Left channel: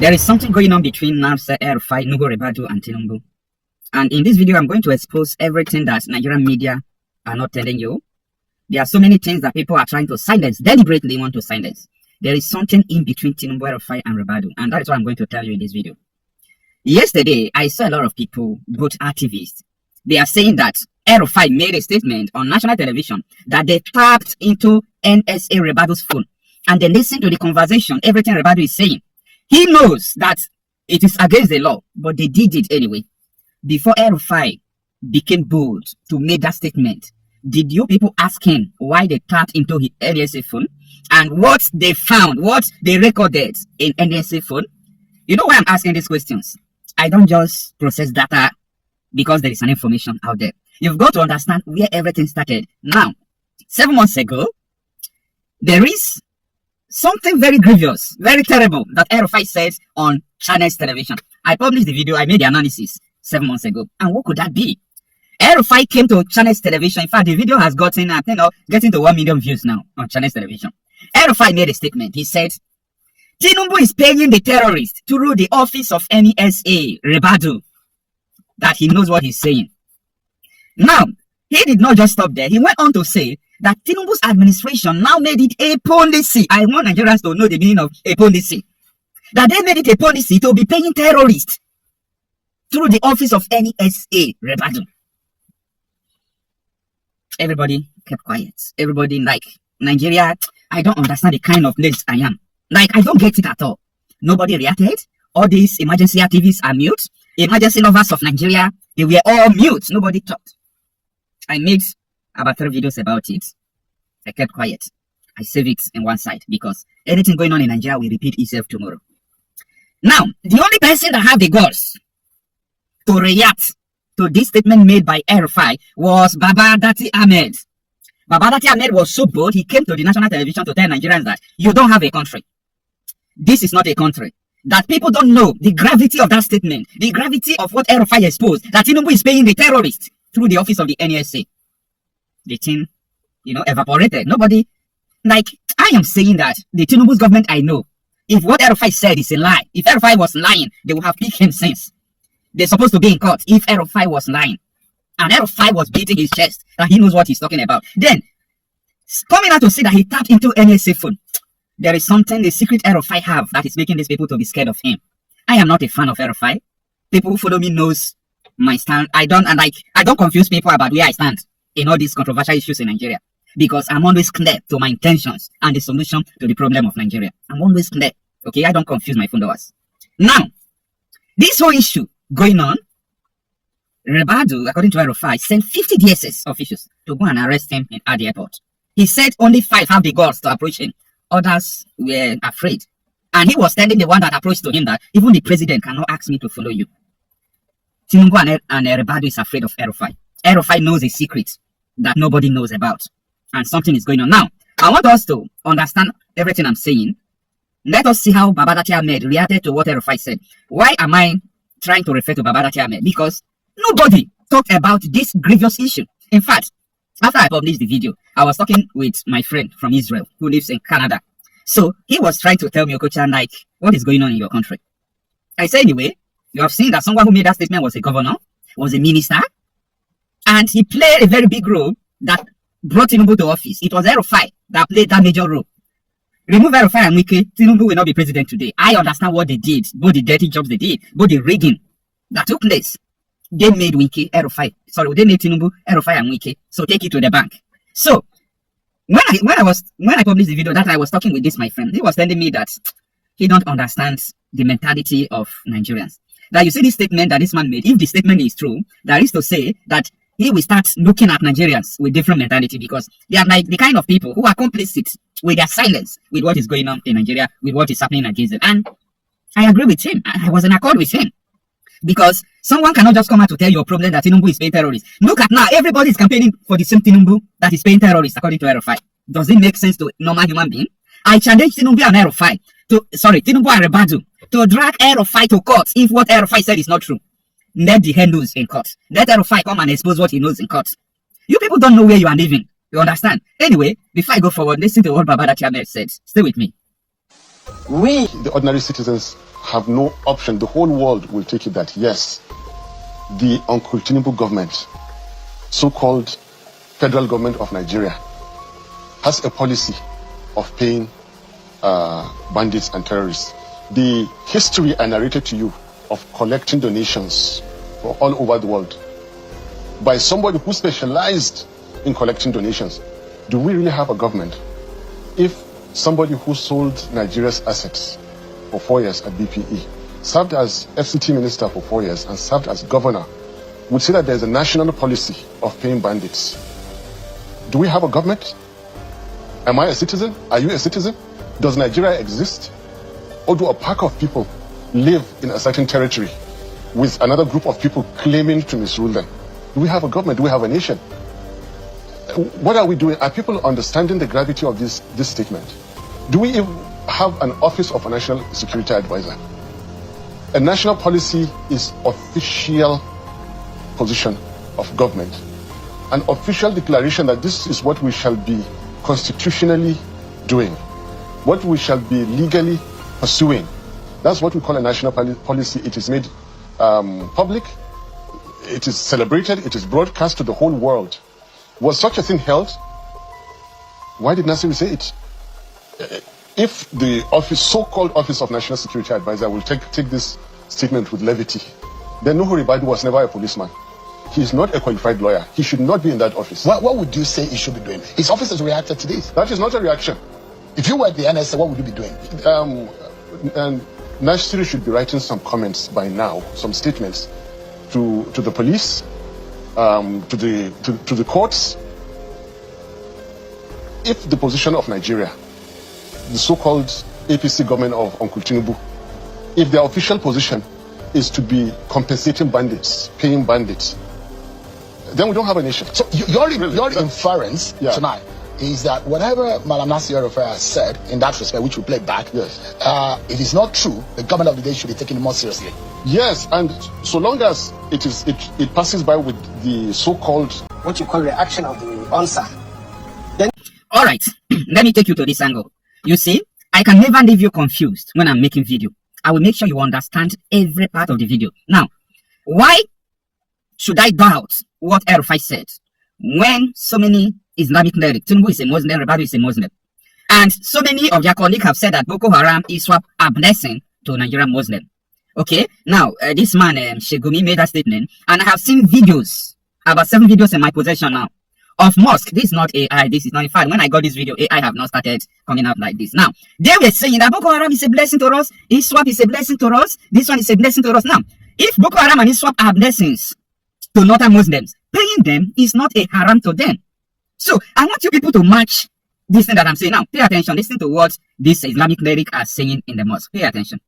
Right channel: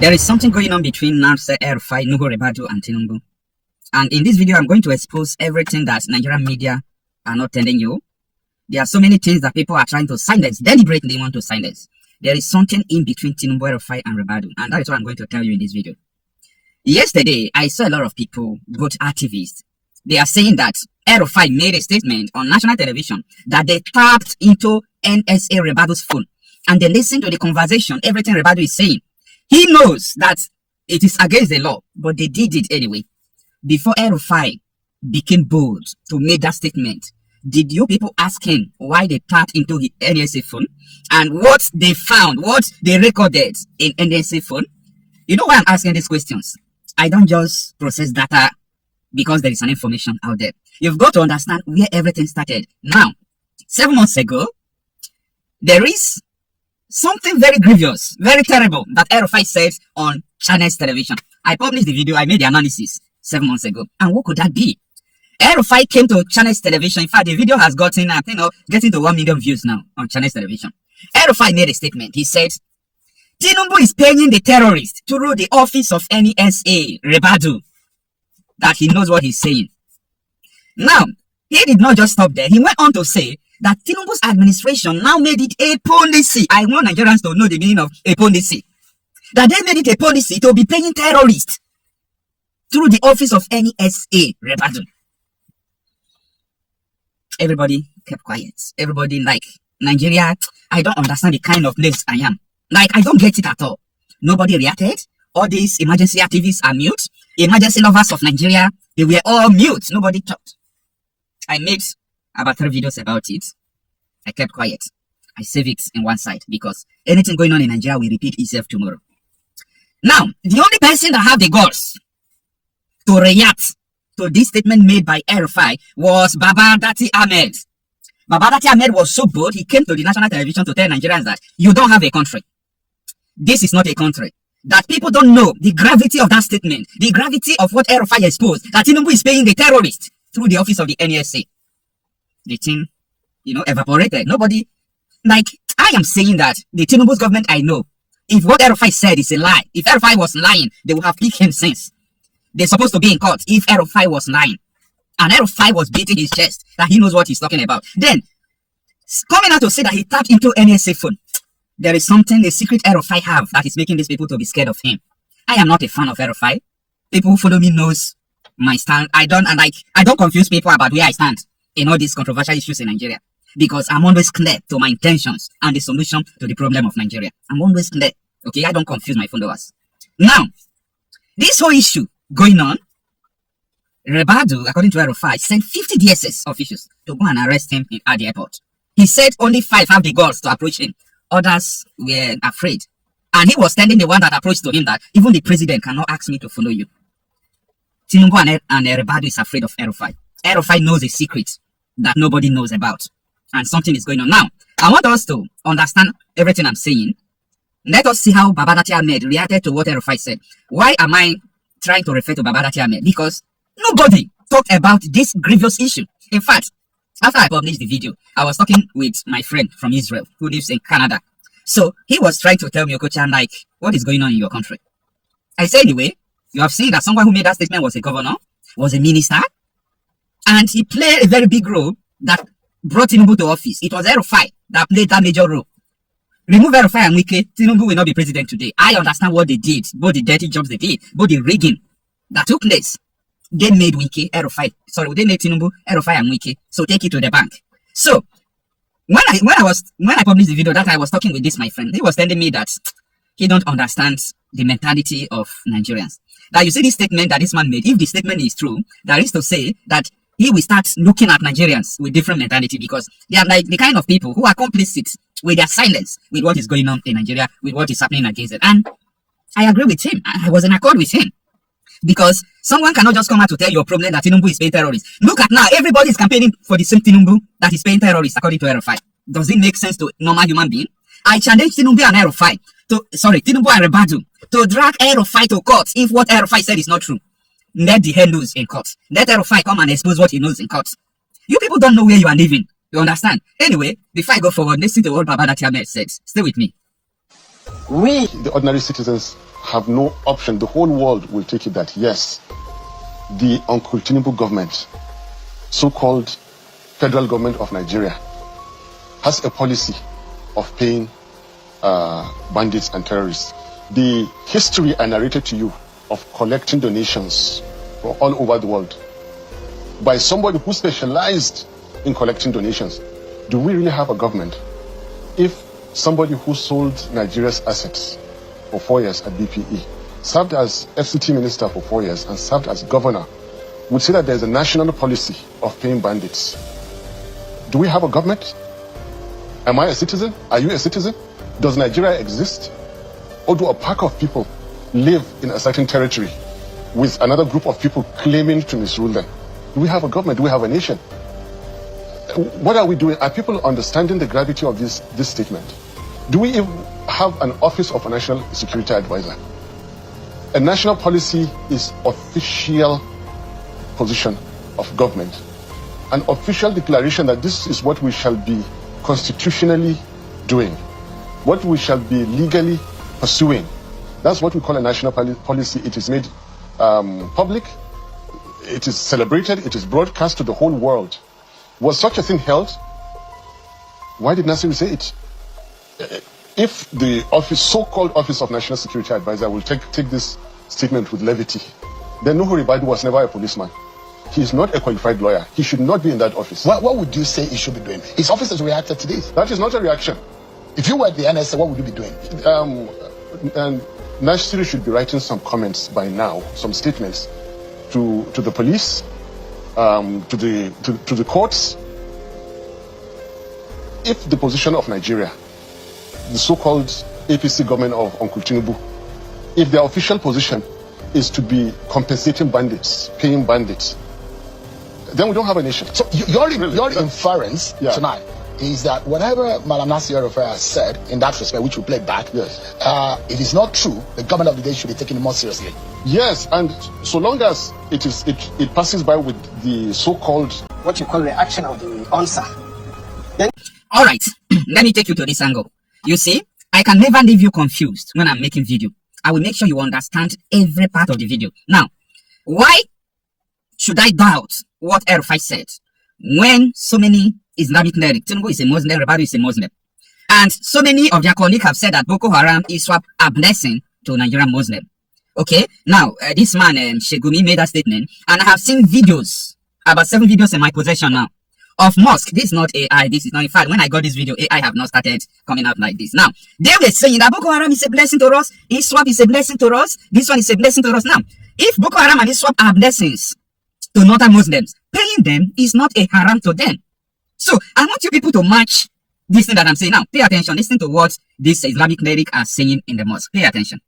There is something going on between Ago EL-RUFAI, Nuhu Ribadu, and Tinubu. And in this video, I'm going to expose everything that Nigerian media are not telling you. There are so many things that people are trying to silence, deliberately want to silence. There is something in between Tinubu, EL-RUFAI, and Ribadu, and that is what I'm going to tell you in this video. Yesterday, I saw a lot of people, both activists, they are saying that EL-RUFAI made a statement on national television that they tapped into NSA Ribadu's phone and they listened to the conversation, everything Ribadu is saying. He knows that it is against the law, but they did it anyway. Before EL-RUFAI became bold to make that statement, did you people ask him why they tapped into his NSA phone and what they found, what they recorded in NSA phone? You know why I'm asking these questions? I don't just process data because there is an information out there. You've got to understand where everything started. Now, 7 months ago, there is something very grievous, very terrible that EL-RUFAI said on Channels Television. I published the video, I made the analysis 7 months ago. And what could that be? EL-RUFAI came to Channels Television. In fact, the video has gotten, getting to 1 million views now on Channels Television. EL-RUFAI made a statement. He said, Tinubu is paying the terrorists through the office of NSA, Ribadu, that he knows what he's saying. Now, he did not just stop there. He went on to say that Tinubu's administration now made it a policy. I want Nigerians to know the meaning of a policy. That they made it a policy to be paying terrorists through the office of NSA, Ribadu. Everybody kept quiet. Everybody like, Nigeria, I don't understand the kind of place I am. Like, I don't get it at all. Nobody reacted. All these emergency activists are mute. Emergency lovers of Nigeria, they were all mute. Nobody talked. I made about 3 videos about it. I kept quiet. I save it in one side because anything going on in Nigeria will repeat itself tomorrow. Now, the only person that had the guts to react to this statement made by EL-RUFAI was Babadati Ahmed. Babadati Ahmed was so bold, he came to the national television to tell Nigerians that you don't have a country. This is not a country. That people don't know the gravity of that statement, the gravity of what EL-RUFAI exposed, that Tinubu is paying the terrorists through the office of the NSA. The thing, evaporated. Nobody, like, I am saying that the Tinubu's government I know, if what EL-RUFAI said is a lie, if EL-RUFAI was lying, they would have picked him since. They're supposed to be in court if EL-RUFAI was lying. And EL-RUFAI was beating his chest that he knows what he's talking about. Then, coming out to say that he tapped into NSA phone, there is something, the secret EL-RUFAI have that is making these people to be scared of him. I am not a fan of EL-RUFAI. People who follow me knows my stand. I don't confuse people about where I stand in all these controversial issues in Nigeria. Because I'm always clear to my intentions and the solution to the problem of Nigeria. I'm always clear. Okay, I don't confuse my followers. Now, this whole issue going on, Ribadu, according to EL-RUFAI, sent 50 DSS officials to go and arrest him at the airport. He said only 5 have the guts to approach him. Others were afraid. And he was telling the one that approached to him that even the president cannot ask me to follow you. Tinubu and Ribadu is afraid of EL-RUFAI. EL-RUFAI knows a secret that nobody knows about. And something is going on. Now, I want us to understand everything I'm saying. Let us see how Babadati Ahmed reacted to what EL-RUFAI said. Why am I trying to refer to Babadati Ahmed? Because nobody talked about this grievous issue. In fact, after I published the video, I was talking with my friend from Israel who lives in Canada. So he was trying to tell me, Okochan, like, what is going on in your country? I said, anyway, you have seen that someone who made that statement was a governor, was a minister, and he played a very big role that brought Tinubu to office. It was EL-RUFAI that played that major role. Remove EL-RUFAI and Wike, Tinubu will not be president today. I understand what they did, both the dirty jobs they did, both the rigging that took place. They made Wike, EL-RUFAI. Sorry, they made Tinubu, EL-RUFAI and Wike. So take it to the bank. So when I published the video that I was talking with this my friend, he was telling me that he don't understand the mentality of Nigerians. That you see this statement that this man made, if the statement is true, that is to say that he will start looking at Nigerians with different mentality because they are like the kind of people who are complicit with their silence with what is going on in Nigeria, with what is happening against them. And I agree with him. I was in accord with him. Because someone cannot just come out to tell your problem that Tinubu is paying terrorists. Look at now, everybody is campaigning for the same Tinubu that is paying terrorists, according to EL-RUFAI. Does it make sense to a normal human being? I challenge Tinubu and EL-RUFAI Tinubu and Ribadu to drag EL-RUFAI to court if what EL-RUFAI said is not true. Let the head knows in court. Let EL-RUFAI come and expose what he knows in court. You people don't know where you are living. You understand? Anyway, before I go forward, listen to what Babadati Ahmed said. Stay with me. We, the ordinary citizens, have no option. The whole world will take it that, yes, the Uncle Tinubu government, so-called federal government of Nigeria, has a policy of paying bandits and terrorists. The history I narrated to you of collecting donations from all over the world by somebody who specialized in collecting donations. Do we really have a government if somebody who sold Nigeria's assets for 4 years at BPE, served as FCT minister for 4 years, and served as governor, would say that there's a national policy of paying bandits? Do we have a government? Am I a citizen? Are you a citizen? Does Nigeria exist? Or do a pack of people live in a certain territory with another group of people claiming to misrule them? Do we have a government? Do we have a nation? What are we doing? Are people understanding the gravity of this statement? Do we even have an office of a national security advisor? A national policy is official position of government, an official declaration that this is what we shall be constitutionally doing, what we shall be legally pursuing. That's what we call a national policy. It is made public, it is celebrated, it is broadcast to the whole world. Was such a thing held? Why did Nasir say it? If the office, so-called Office of National Security Advisor, will take this statement with levity, then Nuhu Ribadu was never a policeman. He is not a qualified lawyer. He should not be in that office. What would you say he should be doing? His office has reacted to this. That is not a reaction. If you were at the NSA, what would you be doing? And Nasir should be writing some comments by now, some statements to the police, to the courts. If the position of Nigeria, the so-called APC government of Uncle Tinubu, if their official position is to be compensating bandits, paying bandits, then we don't have a nation. So your inference tonight is that whatever Malam Nasir El-Rufai has said in that respect, which we play back, yes, it is not true. The government of the day should be taken more seriously. Yes, and so long as it passes by with the so-called what you call reaction of the answer. Then all right, let me take you to this angle. You see, I can never leave you confused when I'm making video. I will make sure you understand every part of the video. Now, why should I doubt what El-Rufai said when so many Islamic clerics, Tinubu is a Muslim, Ribadu is a Muslim, and so many of their colleagues have said that Boko Haram is a blessing to Nigerian Muslim? Okay, now this man Shegumi made that statement, and I have seen videos, about 7 videos in my possession now, of mosque. This is not AI, this is not, in fact, when I got this video, AI have not started coming out like this. Now, they were saying that Boko Haram is a blessing to us, ISWAP is a blessing to us, this one is a blessing to us. Now, if Boko Haram and ISWAP are blessings to northern Muslims, paying them is not a haram to them. So, I want you people to match this thing that I'm saying. Now, pay attention, listen to what this Islamic cleric are saying in the mosque. Pay attention.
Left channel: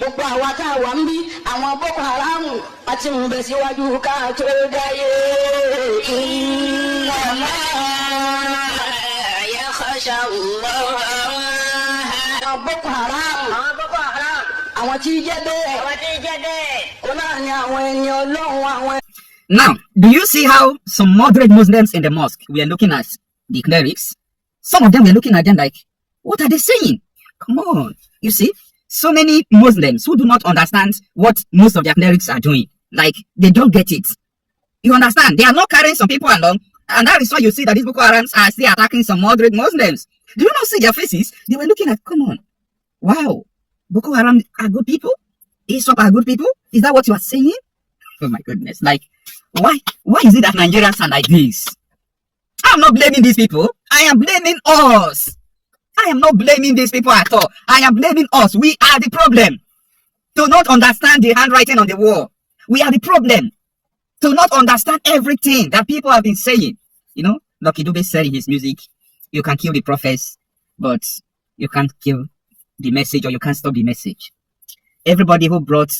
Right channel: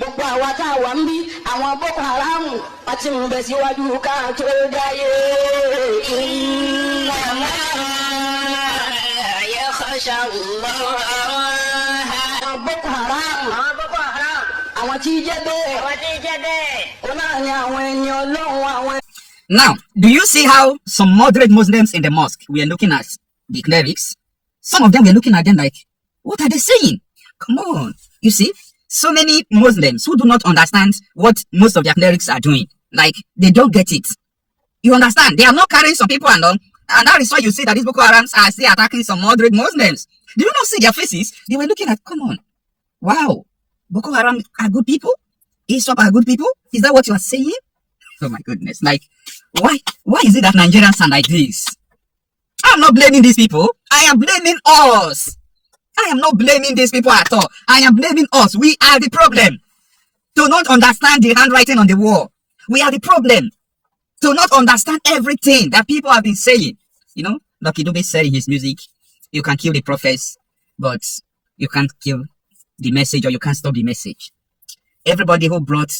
gbogbo àwa tá a wà ń bí àwọn Boko Haram àti ń bẹ síwájú ká tó dáyé. Boko Haram àwọn tí jẹ́ bẹ́ẹ̀ ó náà ní àwọn ẹni Ọlọ́run àwọn. Now, do you see how some moderate Muslims in the mosque were looking at the clerics? Some of them were looking at them like, what are they saying? Come on. You see, so many Muslims who do not understand what most of their clerics are doing. Like, they don't get it. You understand? They are not carrying some people along. And that is why you see that these Boko Harams are still attacking some moderate Muslims. Do you not see their faces? They were looking at, come on. Wow. Boko Haram are good people? ISWAP are good people? Is that what you are saying? Oh my goodness. Like, why is it that Nigerians are like this? I'm not blaming these people. I am blaming us. I am not blaming these people at all. I am blaming us. We are the problem. Do not understand the handwriting on the wall. We are the problem. to not understand everything that people have been saying. You know, Lucky Dube said in his music, you can kill the prophets, but you can't kill the message, or you can't stop the message. Everybody who brought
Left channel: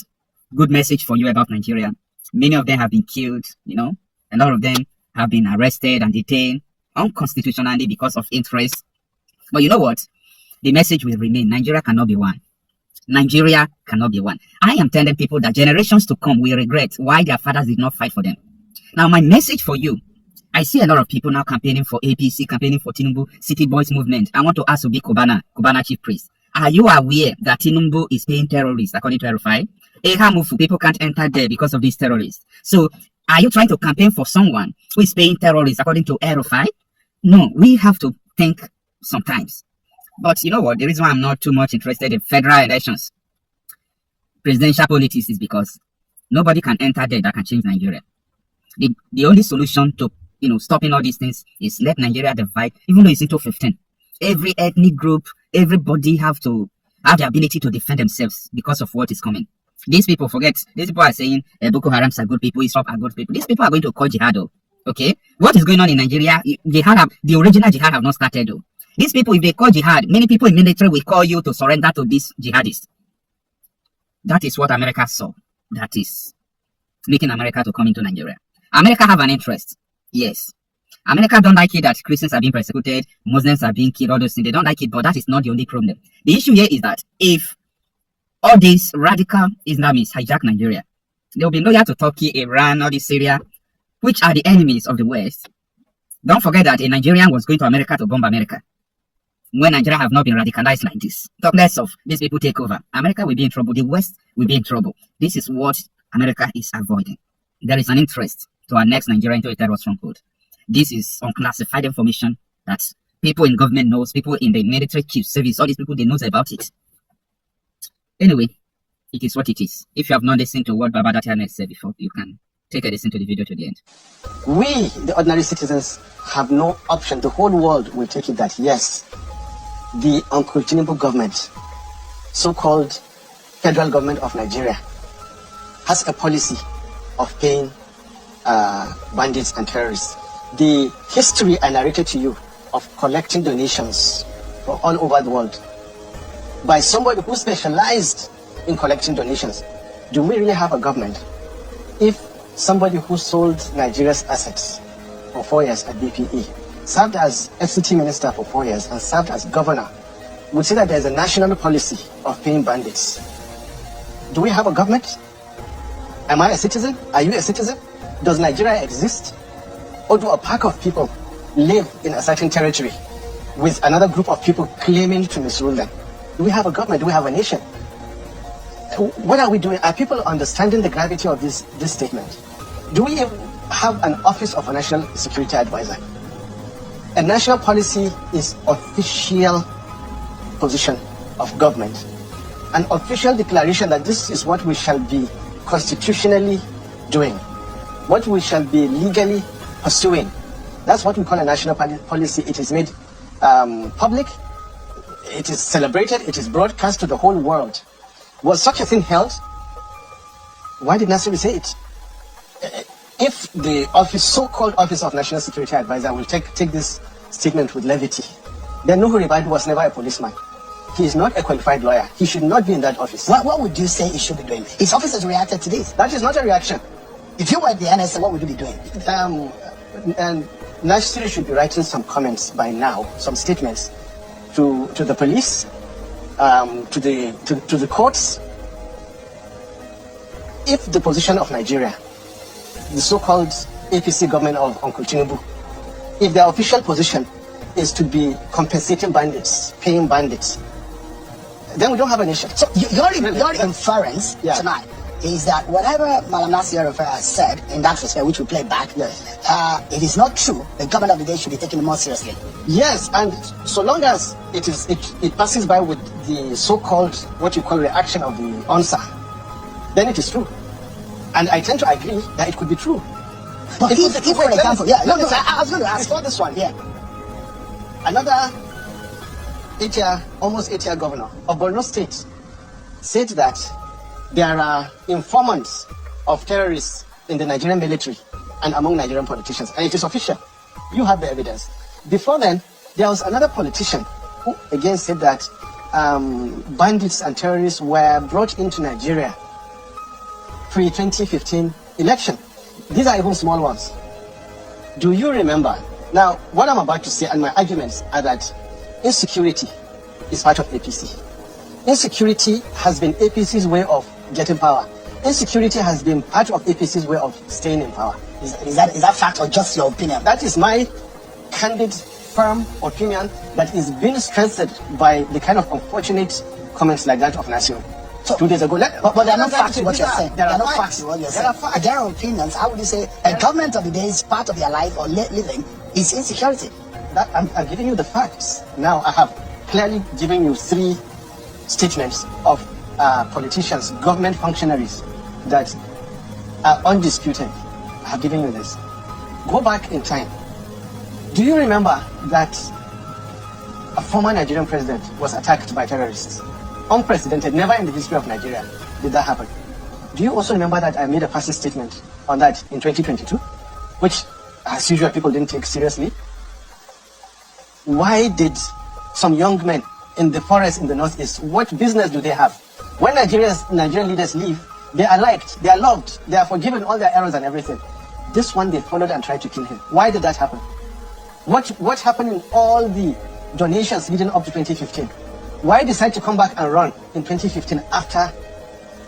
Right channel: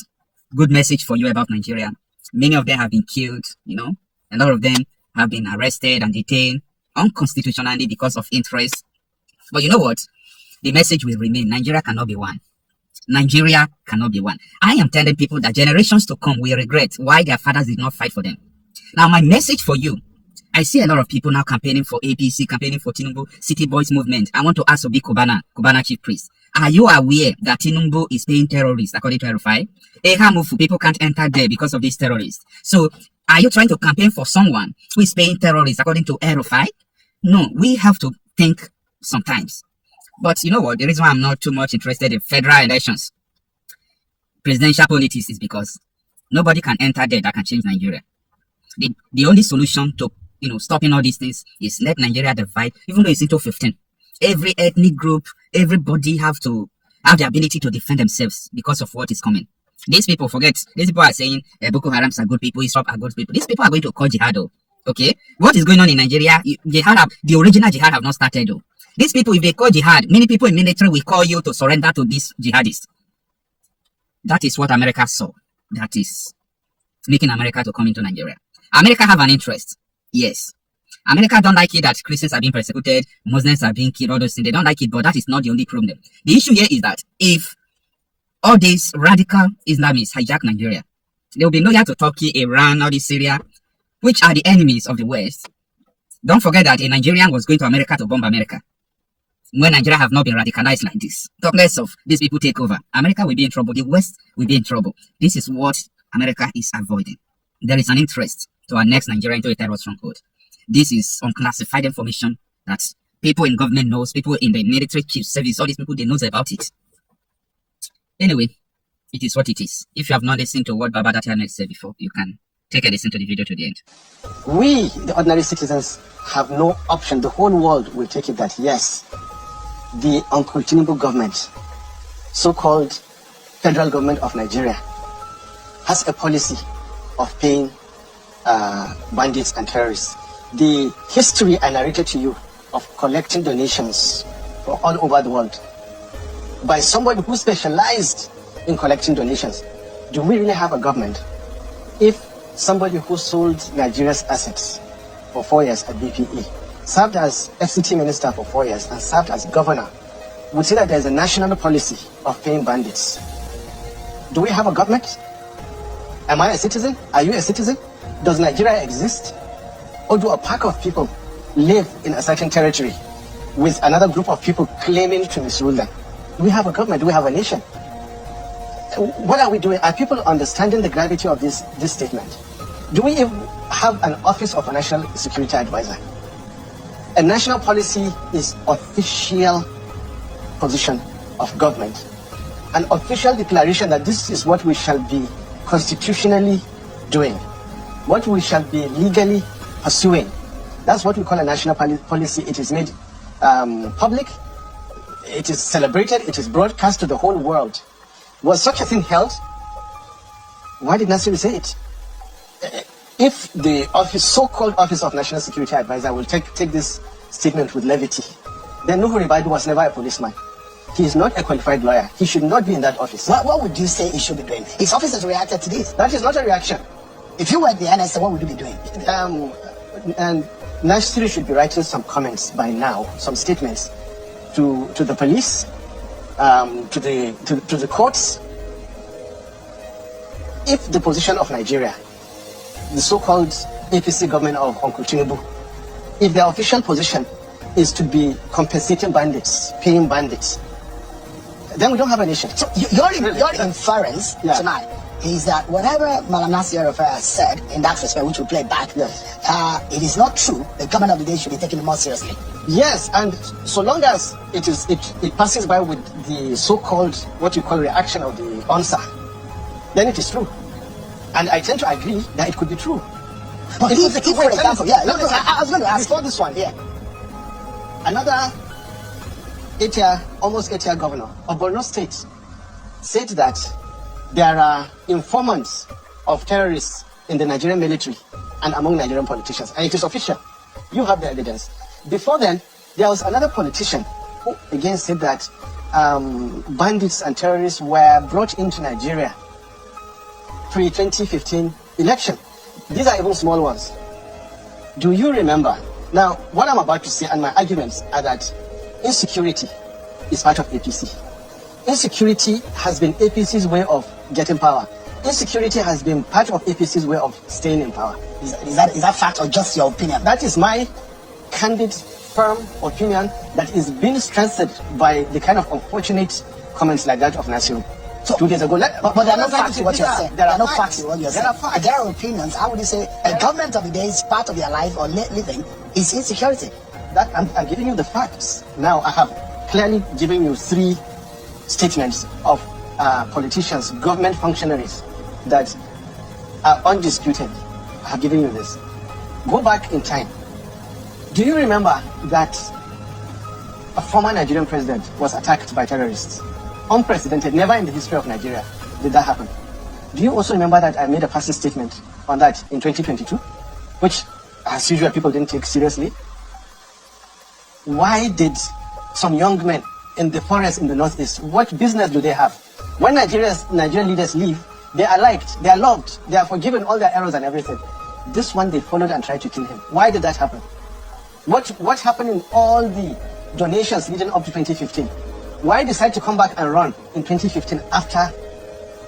good message for you about Nigeria, many of them have been killed, you know, a lot of them have been arrested and detained unconstitutionally because of interest. But you know what? The message will remain. Nigeria cannot be one. Nigeria cannot be one. I am telling people that generations to come will regret why their fathers did not fight for them. Now, my message for you, I see a lot of people now campaigning for APC, campaigning for Tinubu, City Boys movement. I want to ask Obi Kubana chief priest, are you aware that Tinubu is paying terrorists according to El-RUFAI? Ehamufu, people can't enter there because of these terrorists. So, are you trying to campaign for someone who is paying terrorists according to El-RUFAI? No, we have to think sometimes. But you know what? The reason why I'm not too much interested in federal elections, presidential politics, is because nobody can enter there that can change Nigeria. The only solution to stopping all these things is let Nigeria divide, even though it's into 15. Every ethnic group, everybody have to have the ability to defend themselves because of what is coming. These people forget. These people are saying Boko Harams are good people, Islam are good people. These people are going to call jihad. Okay, what is going on in Nigeria? The original jihad have not started. These people, if they call jihad, many people in military will call you to surrender to these jihadists. That is what America saw. That is making America to come into Nigeria. America have an interest. Yes. America don't like it that Christians are being persecuted, Muslims are being killed, all those things. They don't like it, but that is not the only problem. The issue here is that if all these radical Islamists hijack Nigeria, they will be loyal to Turkey, Iran, all this Syria, which are the enemies of the West. Don't forget that a Nigerian was going to America to bomb America. When Nigeria have not been radicalized like this, talk less of these people take over. America will be in trouble. The West will be in trouble. This is what America is avoiding. There is an interest to annex Nigeria into a terror stronghold. This is unclassified information that people in government knows, people in the military chief service, all these people, they knows about it. Anyway, it is what it is. If you have not listened to what Baba Datianet said before, you can take a listen to the video to the end. We, the ordinary citizens, have no option. The whole world will take it that, yes, the Uncle Tinubu government, so-called federal government of Nigeria, has a policy of paying bandits and terrorists. The history I narrated to you of collecting donations from all over the world by somebody who specialized in collecting donations. Do we really have a government if somebody who sold Nigeria's assets for 4 years at BPE, served as FCT minister for 4 years, and served as governor, would say that there's a national policy of paying bandits? Do we have a government? Am I a citizen? Are you a citizen? Does Nigeria exist? Or do a pack of people live in a certain territory with another group of people claiming to misrule them? Do we have a government? Do we have a nation? What are we doing? Are people understanding the gravity of this statement? Do we even have an office of a national security advisor? A national policy is official position of government, an official declaration that this is what we shall be constitutionally doing, what we shall be legally pursuing. That's what we call a national policy. It is made public, it is celebrated, it is broadcast to the whole world. Was such a thing held? Why did Nasir say it? If the office, so-called Office of National Security Advisor, will take this statement with levity, then Nuhu Ribadu was never a policeman. He is not a qualified lawyer. He should not be in that office. What would you say he should be doing? His office has reacted to this. That is not a reaction. If you were the NSA, what would you be doing? Nasir should be writing some comments by now, some statements to the police, to the courts. If the position of Nigeria, the so-called APC government of Uncle Tinubu, if their official position is to be compensating bandits, paying bandits, then we don't have a nation. So your inference tonight is that whatever Malam Nasir El-RUFAI has said in that respect, which we play back, it is not true. The government of the day should be taken more seriously. Yes, and so long as it passes by with the so-called, what you call reaction of the answer, then it is true. And I tend to agree that it could be true. But if for example, I was going to ask for this one here. Another almost 8-year governor of Borno State said that there are informants of terrorists in the Nigerian military and among Nigerian politicians. And it is official. You have the evidence. Before then, there was another politician who again said that bandits and terrorists were brought into Nigeria pre-2015 election. These are even small ones. Do you remember? Now, what I'm about to say and my arguments are that insecurity is part of APC. Insecurity has been APC's way of getting power. Insecurity has been part of APC's way of staying in power. Is that fact or just your opinion? That is my candid, firm opinion that is being strengthened by the kind of unfortunate comments like that of Nasir. So, 2 days ago. But there are no facts in what you're saying. There are no facts in what you're saying. saying. There are opinions. How would you say a government of the day is part of their life or living is insecurity? I'm giving you the facts. Now, I have clearly given you 3 statements of politicians, government functionaries that are undisputed. I have given you this. Go back in time. Do you remember that a former Nigerian president was attacked by terrorists? Unprecedented, never in the history of Nigeria did that happen. Do you also remember that I made a passive statement on that in 2022, which, as usual, people didn't take seriously? Why did some young men in the forest in the northeast, what business do they have? When Nigerian leaders leave, they are liked, they are loved, they are forgiven all their errors and everything. This one, they followed and tried to kill him. Why did that happen? What happened in all the donations leading up to 2015? Why decide to come back and run in 2015 after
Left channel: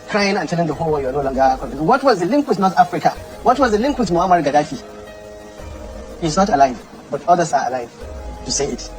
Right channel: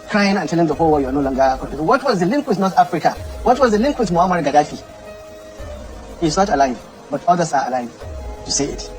crying and telling the whole world you're no longer contributing? What was the link with North Africa? What was the link with Muammar Gaddafi? He's not alive, but others are alive to say it.